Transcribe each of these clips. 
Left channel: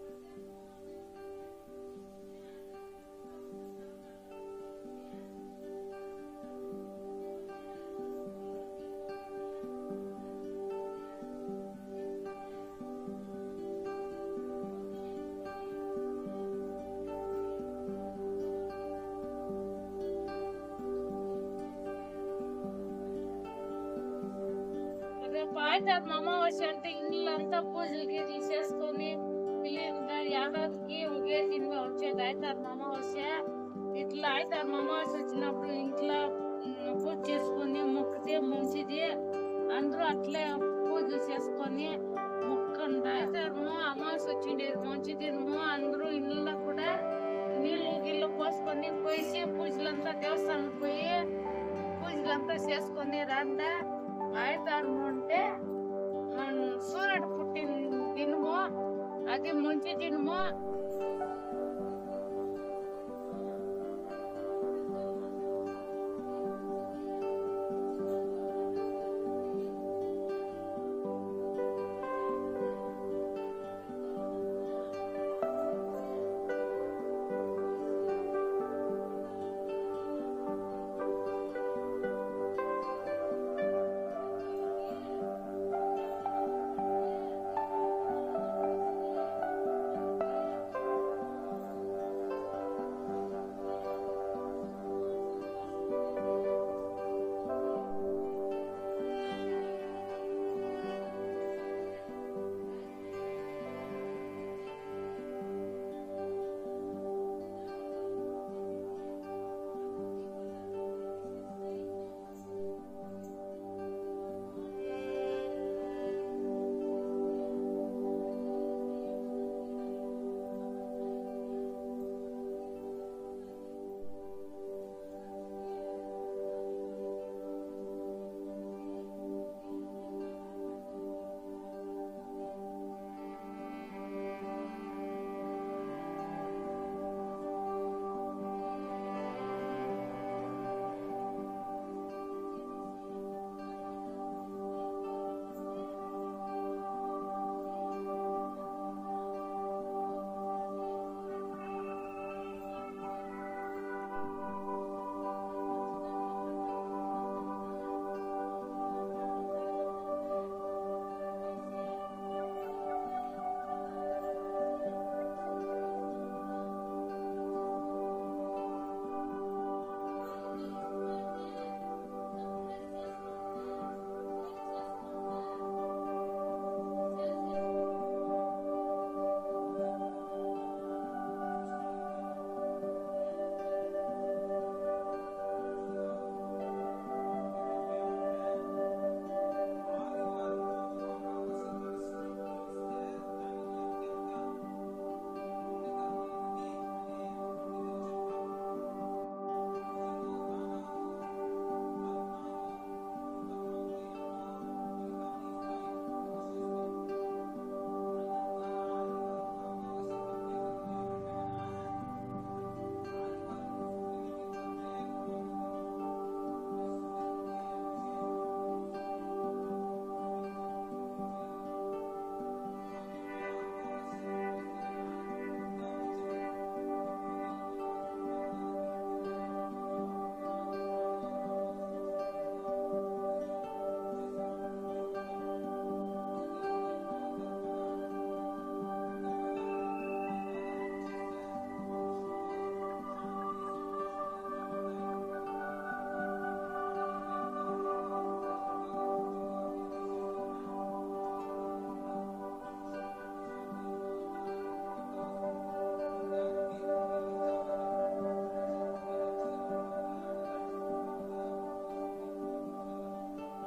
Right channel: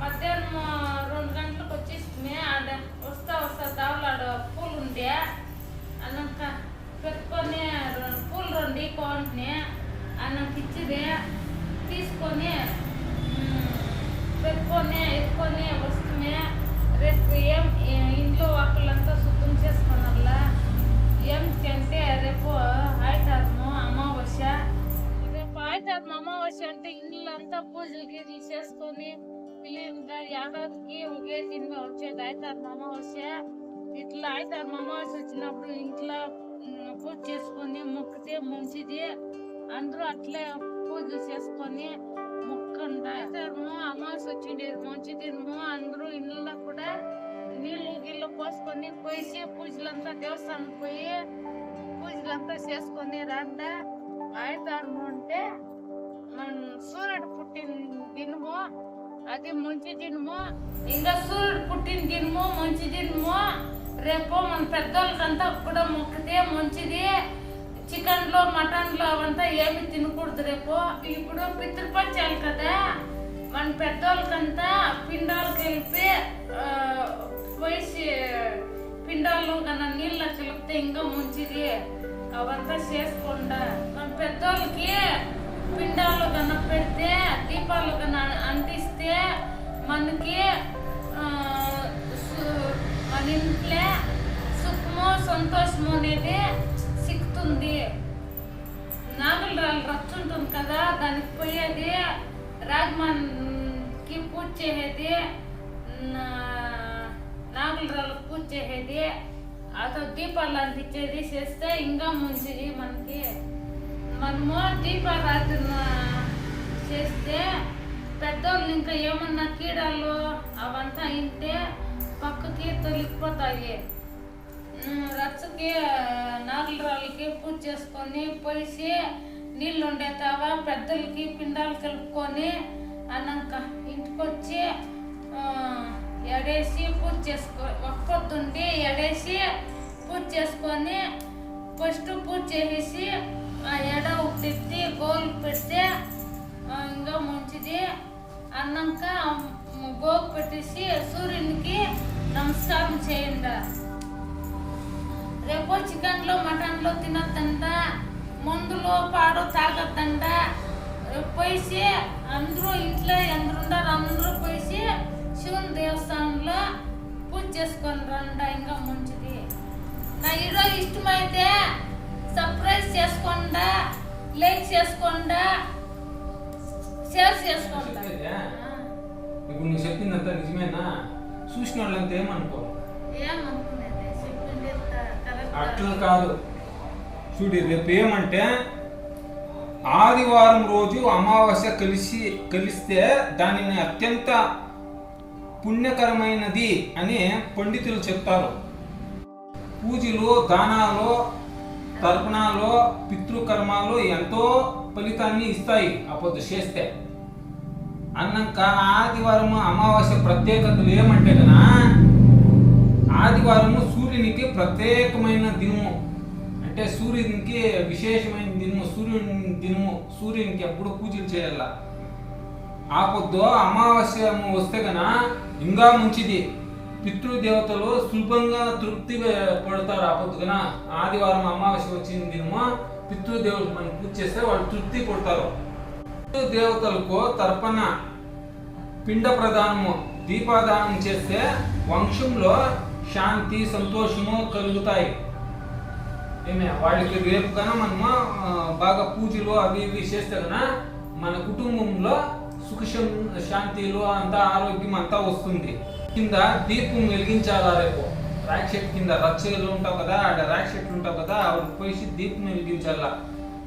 మధ్యాహ్నం రెండు గంటలకు వచ్చేసి ఆడ వస్తా వస్తా దావలాడ పూలు ఉండే. అన్నాక పెట్టుకొని రెండు పూలు రెండు ఇవ్వండి అన్నకి ఇచ్చింది. తీసుకొని పెట్టుకొని ఎత్తుకొని వస్తుంది రేపు ఏం ఇంట్లో ఒకళ్ళంతా శుభ్రం చేసుకున్నలా ఏం అంటే రేపు ఆయితారము అమావాస్య. రేపు ఆయితారం అమావాస్య అంటే ఇల్లు అంతా పూజలు గీజలు చేసుకొని ఏడాదికి ఒకే సినిమా వచ్చేది. ఆయితారం అమావాస్య ఇట్లా ఆయితారం అమావాస్య వచ్చినప్పుడు ఇంట్లో పూజ చేసుకొని మొక్కితే మంచిది. అందరూ అట్లే పూజ చేసుకొని మొక్కండి. ఆయితారము అమావాస్య వచ్చిండేది మంచి అందరూ ఇళ్ళలో కూడా నీళ్ళు గిళ్ళు పోసుకొని పోసి పూజలంతా దేవస్థానం పోయి పూజలంతా చేసుకొని రండ. ఆయుధారం అంటే మన సూర్యుడు పుట్టిన దినము అది మంచి దినము ఇంకా సూర్యుడు పుట్టిన దినము మంచి దినము రేపు మన పెద్దోళ్ళకంతా కూడా మొక్కితే మంచిది. చికెన్లో మటన్లో అవంతా ఏమి తినకూడదు రేపు. ఇప్పుడు పితృపక్షాలు కదా. మన పెద్దోళ్ళకంతా పిండాలు కలిపి పోయి పోసి పిండాలు కన్నా నీళ్ళ కలిపితే ఇంకా మంచిది. అవంతా చేసుకుంటా. మన పెద్దోళ్ళకి పిండాలు కన్నా పెడితే దీపాలు మనము దీపారాధన చేస్తే పెద్దోళ్ళు ఇంకా ఏమన్నా కీడాలు అవంతా ఇంటే పక్కకి తొలిగిపోతాయి. రచ్చకి నాగలరాళ్ళకి పూజ చేసుకొని పోసి నీళ్ళు ఉండేతావా? పెద్దలకి పిండాలు కలుపుకొని అన్నాక ఇంటికొచ్చి ఎడేసి పూజ చేసుకో ఒక్కొద్దుండి ఎడేసి పూజ చేసుకొని ఫస్ట్ పూజ చేసేసి రేపు పోసి అందరూ ఇంట్లో ఎందరుండారు అందరూ పోసి శివుని దేవస్థానంలో పూజ చేసుకొని రండి ఇంకా మంచిది. నా హీరో ఇష్టమైతే సర్ప్రైజ్ చేసుకోండా లైక్ చేసుకోండా షేర్ చేసుకోండా. ఇప్పుడు నువ్వు చెప్పిందంతా నిజమేనా? చూసిన వాళ్ళంతా ఏమనుకో ఏమనుకునేది చెప్పింది అట్లా కాదు. చూడు రేపు ఏమంటే ఆదివారం రోజు అమావాస్య కలిసి కలిస్తే దానిని అత్యంత పుణ్యకరమైనది అని పండితులు చెప్తారు. పూజలు దానాలు తర్పణాలు పితృకర్మాలు ఎంతో ఫలితాన్ని ఇస్తాయి అప్పుడు చేస్తే. అన్నాక ఆదివారం అమావాస్య ప్రత్యేకతలు ఏమంటే కదా ఆదివారము సూర్యునికి ప్రత్యేకమైన దినము. అంటే సూర్యునికి విశేషమైన దినము సూర్యుని దినము సూర్యునికి ఎప్పుడు పూజలు చేయాల? ఆ పొద్దు అమావాస్య వస్తే గన ఇంకా మంచిది. పితృదేవతలు సులభంగా తృప్తి పడతారు ఆ పొద్దున ఆదివారం అమావాస్య వచ్చిన దినము పితృదేవతలు మనం పూజ చేస్తే వాళ్ళు తృప్తి పడతారు. పితృదేవతలకు తర్పణ పిండ ప్రదానము దీపాదానం చేస్తే వంశంలో శాంతి సంతోషము కలుగుతాయి. ఏమే వాళ్ళకి రేపు కన్నా మనము బాగా పూజలు అవి ఇవి చేస్తే కన్నా మన కుటుంబంలో సుఖ శాంతిలు అంతా ఆరోగ్యం అంతా వస్తుంది. కింద దీపం వెలిగించాలా రేపు? ర్యాక్ కింద రచ్చలు ఉంటావు కదా ఆడ ర్యాక్ షెట్లు ఉంటావు కదా అవి పోయి దీపం వెలిగించాలా?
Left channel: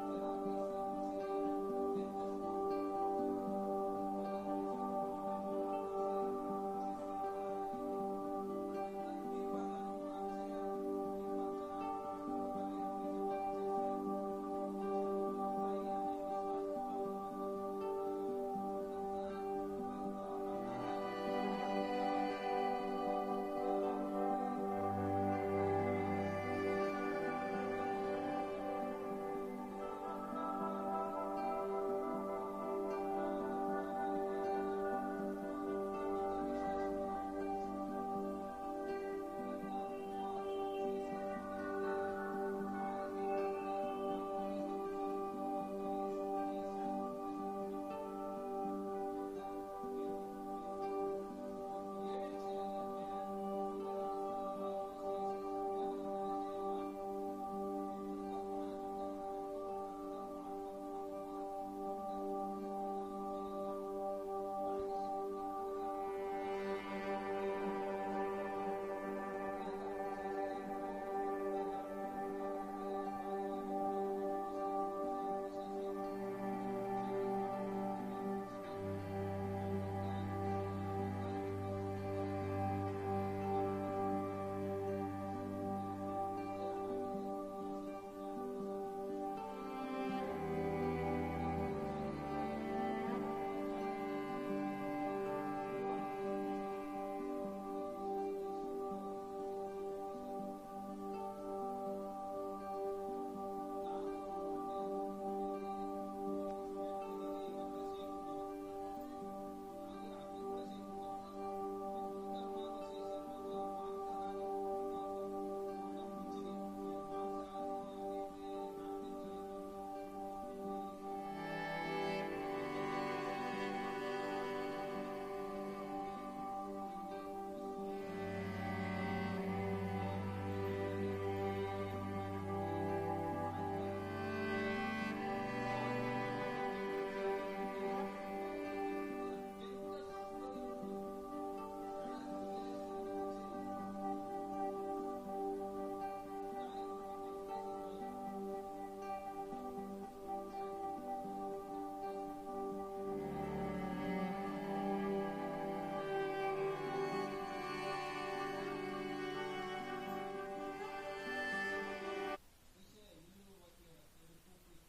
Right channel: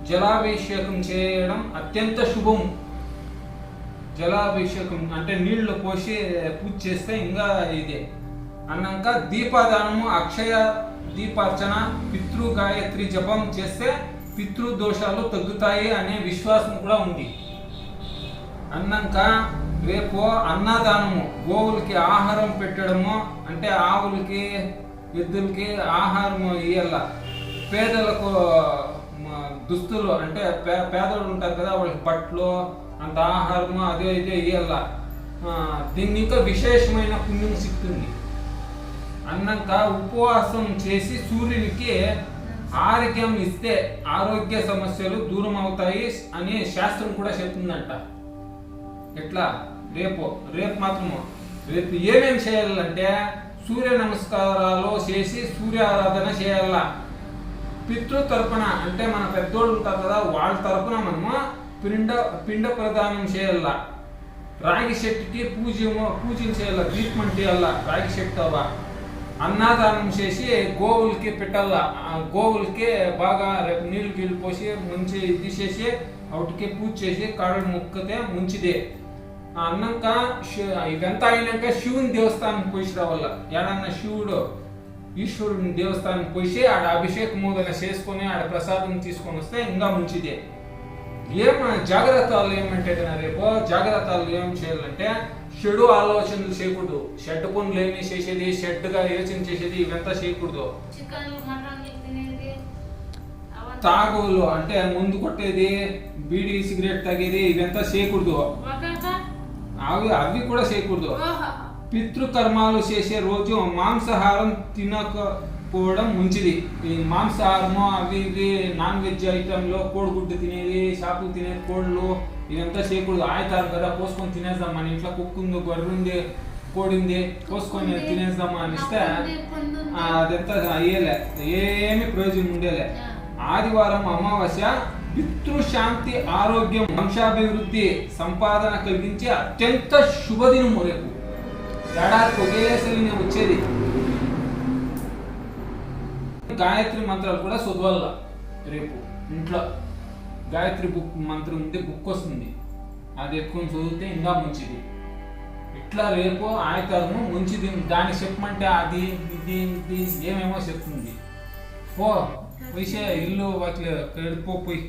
జలాభిషేకం చేయడం అత్యంత శుభం. జలాభిషేకం అంటే నీళ్ళు పోసి పూజ చేస్తే ఇంకా ఇది. అన్నాక దీపదానము అక్షయ దీపార్చన పితృ గాయత్రి జపం చేస్తే పితృ దోషాలు తగ్గుతాయి అనే విశ్వాసం కూడా ఉంది. అన్నాక రేపు అన్నదానము గోవులకి ఆహారం పెట్టడము అంటే ఆవులకి ఎద్దులకి ఆహారం ఇయ్యాల. పేదలకు దుస్తులు అంటే పే పేదలు ఉంటారు కదా వాళ్ళకి బట్టలు అంత ఆహారము అదే ఇదే ఇయ్యాల. దీన్ని ఇంకా విశేషమైన పుణ్యం సిక్తుంది. అన్నాక ఉపవాసం చేసి సూర్యునికి ఆరోగ్యం ఇస్తే ఆరోగ్య సమస్యలు దూరం అవుతాయి అని శాస్త్రం కూడా చెప్తుందంట. ఎట్లా? రేపు రేపు మాత్రము. రేపు ఏమేమి చేయాలంటే సూర్య నమస్కారాలు చేసి సూర్య ఆరాధన చేయాల. పితృ తరపున అంటే మన పెద్దోళ్ళు ఉంటారు కదా వాళ్ళ తరపున మనము పిండ పిండ ప్రదానం చేయాల. రాగి చెట్టుకి పూజ పూజలు చేయాల దీపం చేయాల రాగి చెట్టు అవ్వ అన్నదానం చేసి గోవులకి పెట్టాల ఆ గోవులకి బాగా రేపు నీళ్ళు గీళ్ళు పోసి మంచి ఇది చేసి వాటికి పూజ చేసి కాడలు మొక్కితే మంచిదే ఆ అన్నాక శి- ఇదంతా అయినాక శివుని దేవస్థానం పోసి రావాల ఏడన్నా శివుడు ఈశ్వరుని దేవస్థానం పోసి ఆడ అభిషేకం మోదన చేసుకొని ఆడ ప్రసాదం తీసుకొని వస్తే ఇంకా మంచిదే ఏం జాగ్రత్తలు ఏమంటే కదా రేపు జాగ్రత్తలు ఏం చేయాలంటే చెడు ఆలోచనలు చేయకూడదు. షెడ్ పనులు ఏమి చేసేది షెడ్గా యోచన చేసేది ఇవంతా చేయకూడదు. తాగులు అంటే ముందు కొట్టేది బీడీ సిగరెట్ తాగేది ఇవంతా చేయకూడదు. అవి అవి కూడా చేయకూడదు. పితృకర్మాలు చేసే రోజు మాంసాహారం తినకపోవడం మంచిది. ఈ మాంసాహారము అవి ఇవి నాన్ వెజ్ ఐటెంలో కోడిగుడ్డు తినేది చేపలు తినేది కోళ్ళు ఇదంతా చేయకూడదు ఆయతారు కదా పోసుకొని తినేద్దాం మన ఇంట్లో కుక్కు ఉంది గొర్రె ఉంది కోడి ఉంది పోసుకొని తినేద్దాం అని ఇస్తే ఆ, అదంతా అయ్యేలే. ఏమి ప్రయోజనం ఉండేలే. ఆదివారం అమావాస్య పితృశాంతి ఆరోగ్యం వంశాభివృద్ధి సంపాదన కలిగించే అత్యంత శుభదినము రేపు. ఏడాదికి ఒకేసారి నేను వచ్చేది. గాయత్రి మంత్రాలు కూడా చదవాల రేపు. ఇంట్లో. గాయత్రి బుక్ మంత్రం ఉంటే బుక్ వస్తుంది. అది ఎత్తుకొని చదివితే ఇంకా మంచిది. ఇట్లా రేపు ఆయకరము మంచిది. దాన్ని చెప్పమంటే అది ఇది ఇది ఏమేమో చెప్తుంది. పో పోయిసే ఇల్లు వాటి పోయి.